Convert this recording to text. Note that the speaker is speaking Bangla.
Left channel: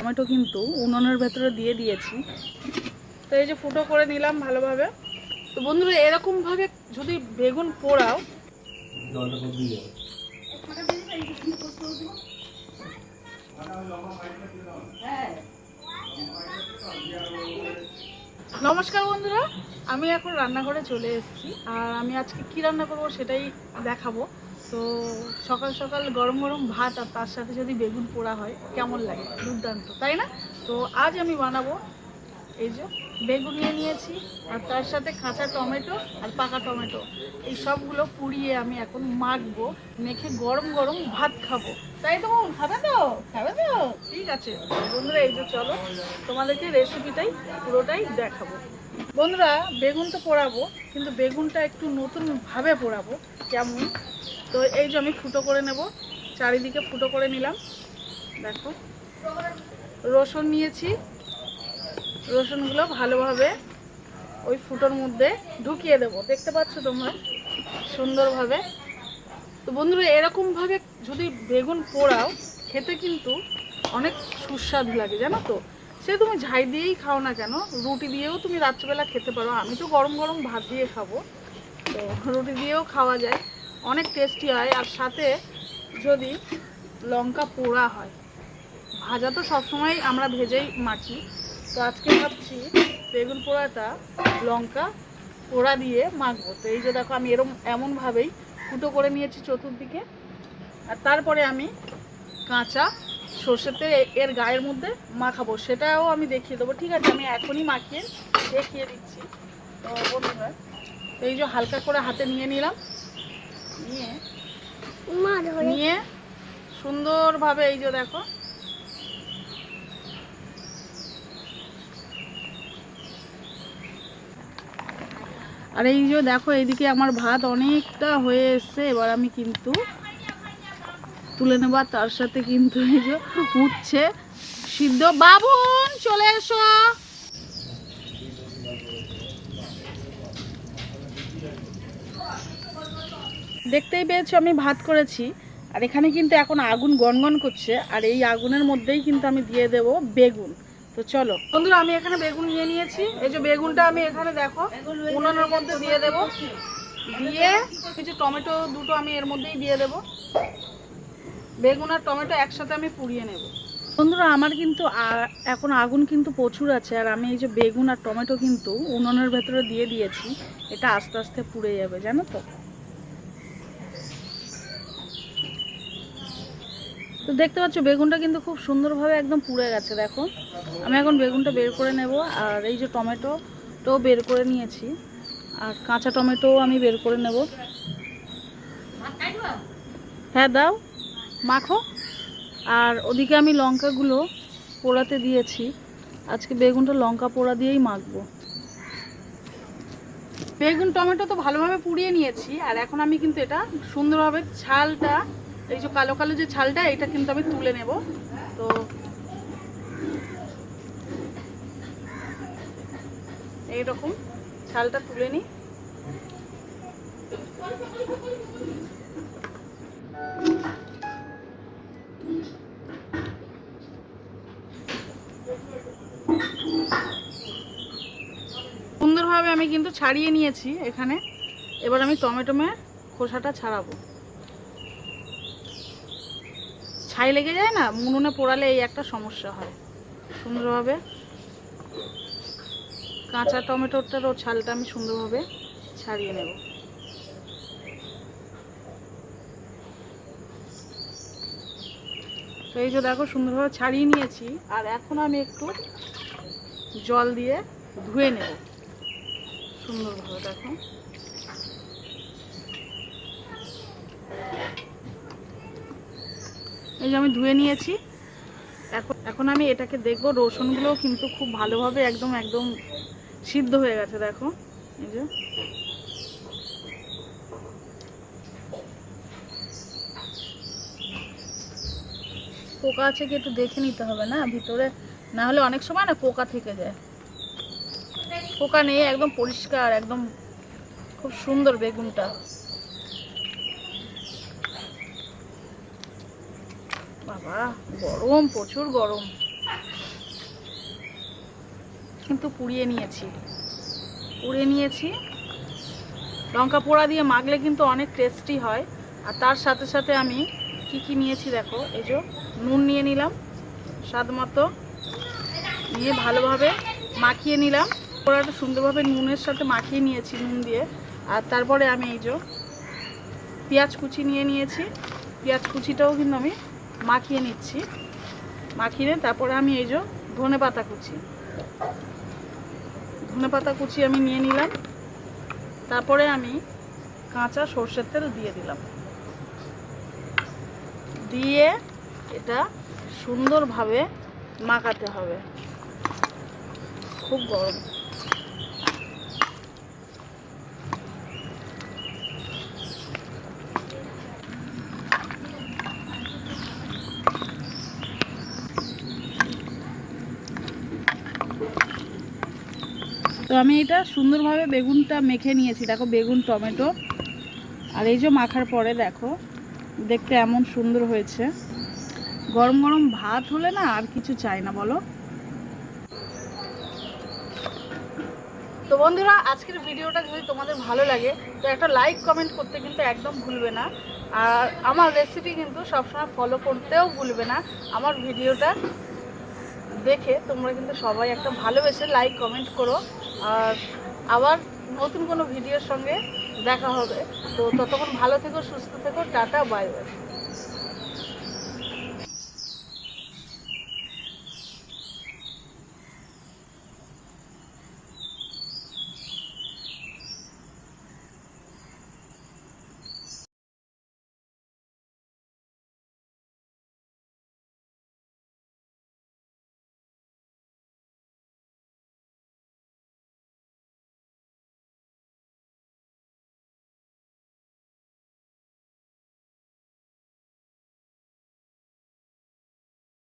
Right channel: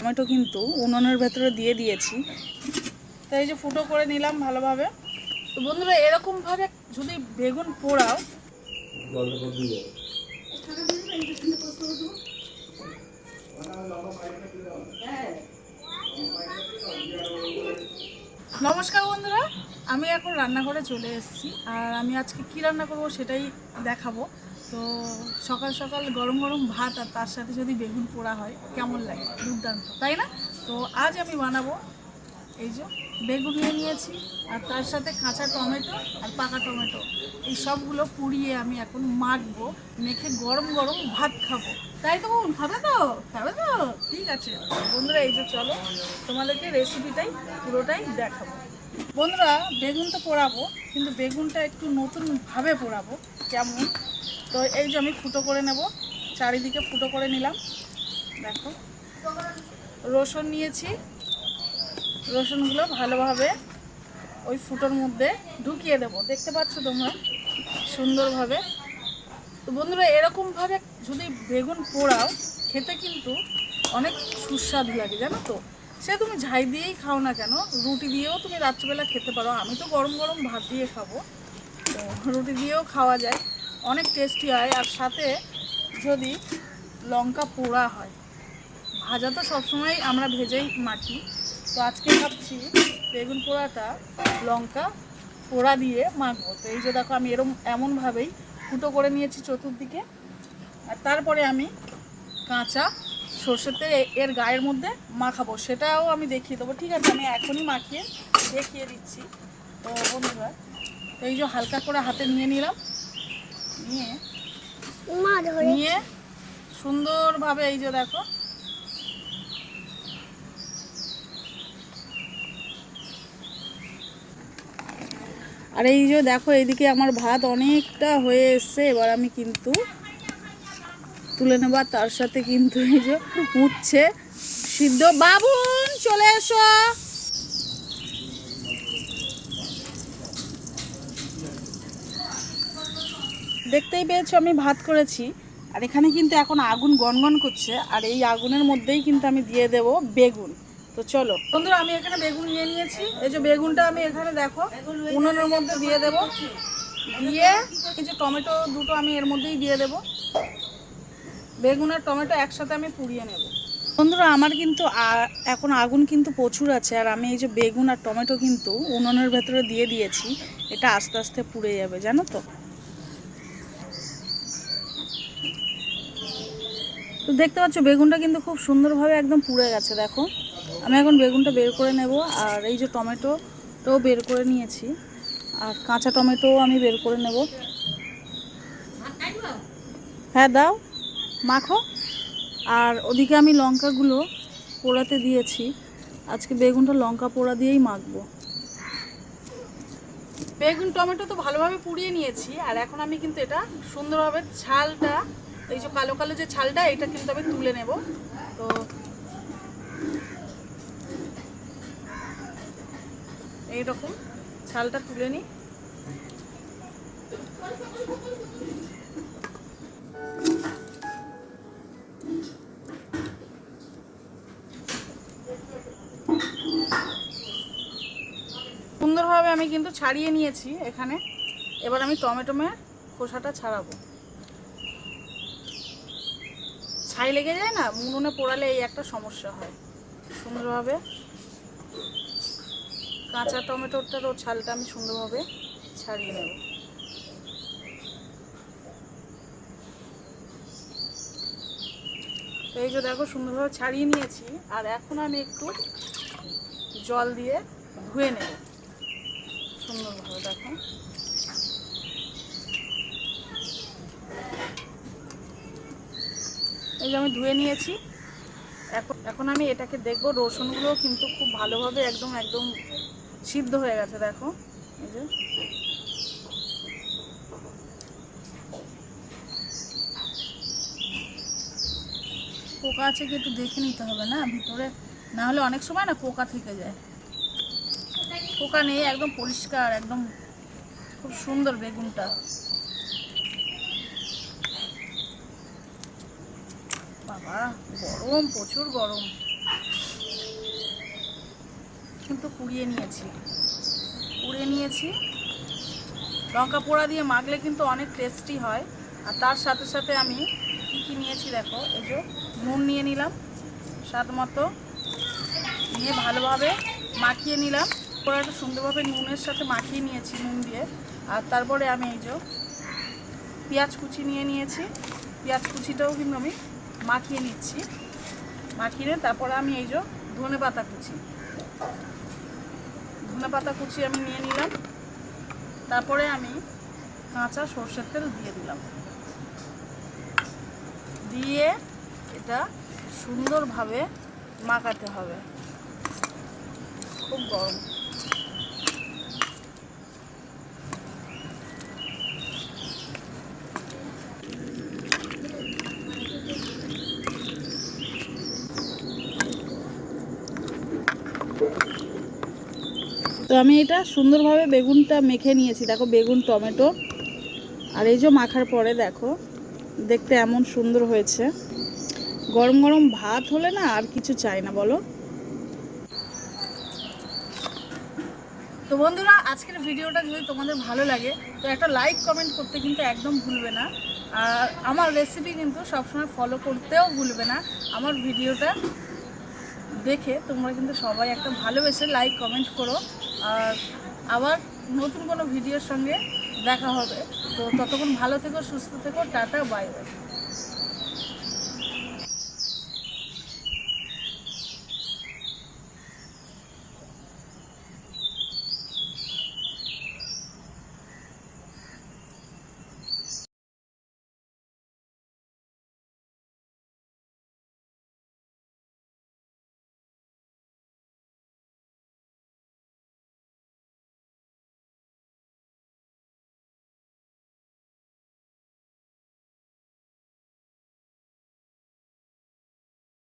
টমেটো কিন্তু উনুনের ভেতরে দিয়ে দিয়েছি। তো এই যে ফুটো করে নিলাম ভালোভাবে। তো বন্ধুরা এরকমভাবে যদি বেগুন পোড়াও, নমস্কার বন্ধুরা, আমি এখন রান্নাঘরে চলে এসেছি। আর আমি আজকে কি রান্না করব সেটাই দেখাবো। তো সকাল সকাল গরম গরম ভাত আর তার সাথে যদি বেগুন পোড়া হয় কেমন লাগে, দুর্দান্ত তাই না? তো আজ আমি বানাবো এই যে বেগুন নিয়ে নিয়েছি, আর তার সাথে কাঁচা টমেটো আর পাকা টমেটো, এই সবগুলো পুড়িয়ে আমি এখন মাখবো, মেখে গরম গরম ভাত খাবো। তাই তো খাবে তো? খাবে তো? ঠিক আছে বন্ধুরা, এই যে চলো তোমাদেরকে রেসিপিটাই পুরোটাই দেখাবো। বন্ধুরা বেগুন তো পোড়াবো, কিন্তু বেগুনটা একটু নতুনভাবে পোড়াবো। কেমন? তো এই যে আমি ফুটো করে নেব, চারিদিকে ফুটো করে নিলাম। দেখো রসুন নিয়েছি, রসুনগুলো ভালোভাবে ওই ফুটোর মধ্যে ঢুকিয়ে দেবো, দেখতে পাচ্ছ তোমরা সুন্দরভাবে। তো বন্ধুরা এরকমভাবে যদি বেগুন পোড়াও খেতে কিন্তু অনেক সুস্বাদু লাগে, জানো তো। সে তুমি ঝাই দিয়েই খাও না কেন, রুটি দিয়েও তুমি রাত্রিবেলা খেতে পারো। আমি তো গরম গরম ভাত দিয়ে খাবো, তো রুটি দিয়েও খাওয়া যায়, অনেক টেস্টি হয়। আর সাথে যদি লঙ্কা পোড়া হয়, ভাজা তো সবসময় আমরা ভেজেই মাখি, তো আজকে ভাবছি বেগুন পোড়াটা লঙ্কা পোড়া দিয়ে মাখবো। তো এই যে দেখো আমি এমনভাবেই ফুটো করে নিয়েছি চতুর্দিকে, আর তারপরে আমি কাঁচা সর্ষের তেল এর গায়ের মধ্যে মাখাবো, সেটাও আমি দেখিয়ে দেবো। ঠিক আছে, আমি এখনই মাখিয়ে দেখিয়ে দিচ্ছি। তো বন্ধুরা তো এই যে হালকা করে হাতে নিয়ে নিলাম, নিয়ে সুন্দরভাবে এই যে দেখো আর এই যে দেখো এইদিকে আমার ভাত অনেকটা হয়ে এসছে। এবার আমি কিন্তু তুলে নেব, তার সাথে কিন্তু এই যে উঠছে সিদ্ধ। বাবুন চলে এসো। দেখতেই পেয়েছো আমি ভাত করেছি, আর এখানে কিন্তু এখন আগুন গনগন করছে, আর এই আগুনের মধ্যেই কিন্তু আমি দিয়ে দেব বেগুন। তো চলো বন্ধুরা, আমি এখানে বেগুন নিয়ে নিয়েছি। এই যে বেগুনটা আমি এখানে দেখো উনুনের মধ্যে দিয়ে দেব, দিয়ে এই যে টমেটো দুটো আমি এর মধ্যেই দিয়ে দেব। বেগুন আর টমেটো একসাথে আমি পুড়িয়ে নেব। বন্ধুরা আমার কিন্তু এখন আগুন কিন্তু প্রচুর আছে, আর আমি এই যে বেগুন আর টমেটো কিন্তু উনুনের ভেতরে দিয়ে দিয়েছি। এটা আস্তে আস্তে পুড়ে যাবে, জানো তো। তো দেখতে পাচ্ছ বেগুনটা কিন্তু খুব সুন্দরভাবে একদম পুড়ে গেছে। দেখো আমি এখন বেগুনটা বের করে নেব, আর এই যে টমেটোটাও বের করে নিয়েছি, আর কাঁচা টমেটোও আমি বের করে নেব। হ্যাঁ দাও, মাখো। আর ওদিকে আমি লঙ্কাগুলো পোড়াতে দিয়েছি, আজকে বেগুনটা লঙ্কা পোড়া দিয়েই মাখবো। বেগুন টমেটো তো ভালোভাবে পুড়িয়ে নিয়েছি, আর এখন আমি কিন্তু এটা সুন্দরভাবে ছালটা, এই যে কালো কালো যে ছালটা, এটা কিন্তু আমি তুলে নেব। তো এইরকম ছালটা তুলে নিই। সুন্দরভাবে আমি কিন্তু ছাড়িয়ে নিয়েছি এখানে। এবার আমি টমেটোমের খোসাটা ছাড়াবো। ছাই লেগে যায় না, উনুনে পোড়ালে এই একটা সমস্যা হয়। সুন্দরভাবে কাঁচা টমেটোটারও ছালটা আমি সুন্দরভাবে ছাড়িয়ে নেব। তো এই যে দেখো সুন্দরভাবে ছাড়িয়ে নিয়েছি, আর এখন আমি একটু জল দিয়ে ধুয়ে নেব সুন্দরভাবে। দেখো এই যে আমি ধুয়ে নিয়েছি। এখন আমি এটাকে দেখবো, রসুনগুলোও কিন্তু খুব ভালোভাবে একদম একদম সিদ্ধ হয়ে গেছে। দেখো এই যে পোকা আছে কি একটু দেখে নিতে হবে না ভিতরে, না হলে অনেক সময় না পোকা থেকে যায়। পোকা নেই, একদম পরিষ্কার, একদম খুব সুন্দর বেগুনটা। বাবা গরম, প্রচুর গরম। কিন্তু পুড়িয়ে নিয়েছি। লঙ্কা পোড়া দিয়ে মাখলে কিন্তু অনেক টেস্টি হয়। আর তার সাথে সাথে আমি কি নিয়েছি দেখো, এই যে নুন নিয়ে নিলাম স্বাদ মতো, নিয়ে ভালোভাবে মাখিয়ে নিলাম। পোড়াটা সুন্দরভাবে নুনের সাথে মাখিয়ে নিয়েছি নুন দিয়ে। আর তারপরে আমি এই যে পেঁয়াজ কুচি নিয়ে নিয়েছি, পেঁয়াজ কুচিটাও কিন্তু আমি মাখিয়ে নিচ্ছি। মাখিয়ে তারপরে আমি এই যে ধনে পাতা কুচি আমি নিয়ে নিলাম। তারপরে আমি কাঁচা সর্ষের তেল দিয়ে দিলাম, দিয়ে এটা সুন্দরভাবে মাখাতে হবে। খুব গরম। তো আমি এটা সুন্দরভাবে বেগুনটা মেখে নিয়েছি। দেখো বেগুন, টমেটো আর এই যে মাখার পরে দেখো দেখতে এমন সুন্দর হয়েছে। গরম গরম ভাত হলে না আর কিছু চাই না, বলো। তো বন্ধুরা, আজকের ভিডিওটা যদি তোমাদের ভালো লাগে তো একটা লাইক কমেন্ট করতে কিন্তু একদম ভুলবে না। আর আমার রেসিপি কিন্তু সবসময় ফলো করতেও ভুলবে না। আমার ভিডিওটা দেখে তোমরা কিন্তু সবাই একটা ভালোবেসে লাইক কমেন্ট করো। আর আবার নতুন কোনো ভিডিওর সঙ্গে দেখা হবে। তো ততক্ষণ ভালো থেকো, সুস্থ থেকো, টাটা, বাই বাই।